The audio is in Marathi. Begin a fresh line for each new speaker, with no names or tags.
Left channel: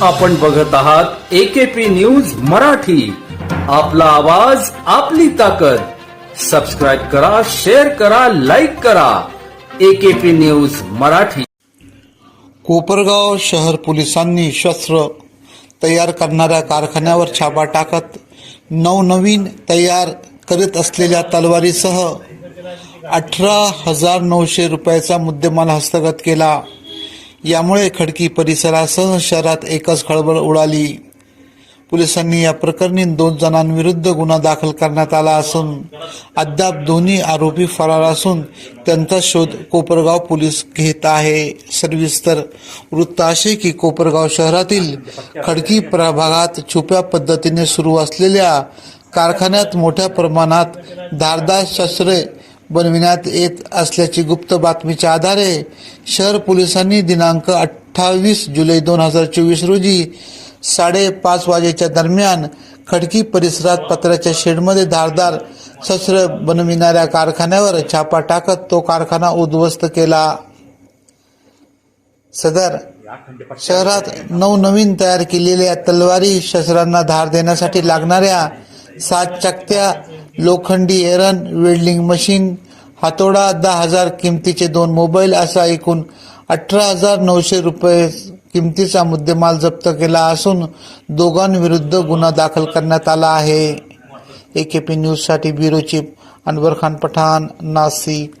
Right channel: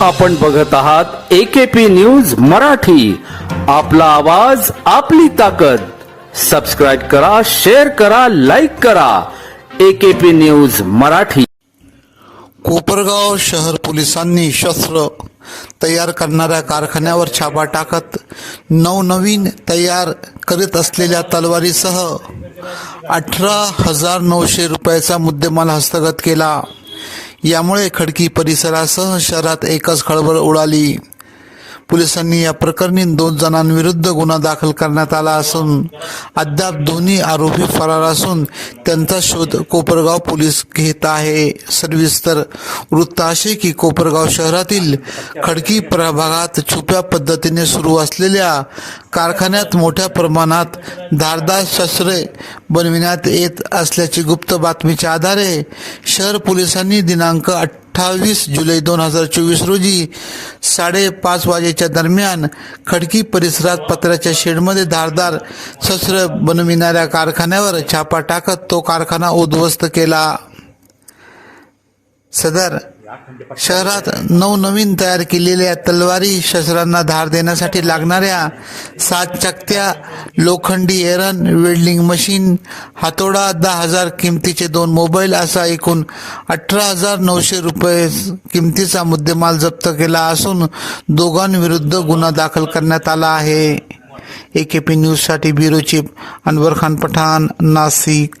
आपण बघत आहात एकेपी न्यूज मराठी. आपला आवाज आपली ताकद. सबस्क्राईब करा शेअर करा लाईक करा. AKP news Marathi.
कोपरगाव शहर पोलिसांनी शस्त्र तयार करणाऱ्या कारखान्यावर छापा टाकत नवनवीन तयार करीत असलेल्या तलवारीसह अठरा हजार नऊशे रुपयाचा मुद्देमाल हस्तगत केला. यामुळे खडकी परिसरासह शहरात एकच खळबळ उडाली. पोलिसांनी या प्रकरणी दोन जणांविरुद्ध गुन्हा दाखल करण्यात आला असून अद्याप दोन्ही आरोपी फरार असून त्यांचा शोध कोपरगाव पोलीस घेत आहे. सविस्तर वृत्त असे की कोपरगाव शहरातील खडकी प्रभागात छुप्या पद्धतीने सुरू असलेल्या कारखान्यात मोठ्या प्रमाणात धारदार शस्त्रे बनविण्यात येत असल्याची गुप्त बातमीच्या आधारे शहर पोलिसांनी दिनांक अठ्ठावीस जुलै दोन हजार चोवीस रोजी साडेपाच वाजेच्या दरम्यान खडकी परिसरात पत्र्याच्या शेडमध्ये धारदार शस्त्र बनविणाऱ्या कारखान्यावर छापा टाकत तो कारखाना उद्ध्वस्त केला. सदर शहरात नवनवीन तयार केलेल्या तलवारी शस्त्रांना धार देण्यासाठी लागणाऱ्या सात चकत्या लोखंडी एरन वेल्डिंग मशीन हातोडा दहा हजार किमतीचे दोन मोबाईल असा एकूण अठरा हजार नऊशे रुपये किमतीचा मुद्देमाल जप्त केला असून दोघांविरुद्ध गुन्हा दाखल करण्यात आला आहे. एकेपी न्यूजसाठी ब्युरो चीफ अनवर खान पठाण नाशिक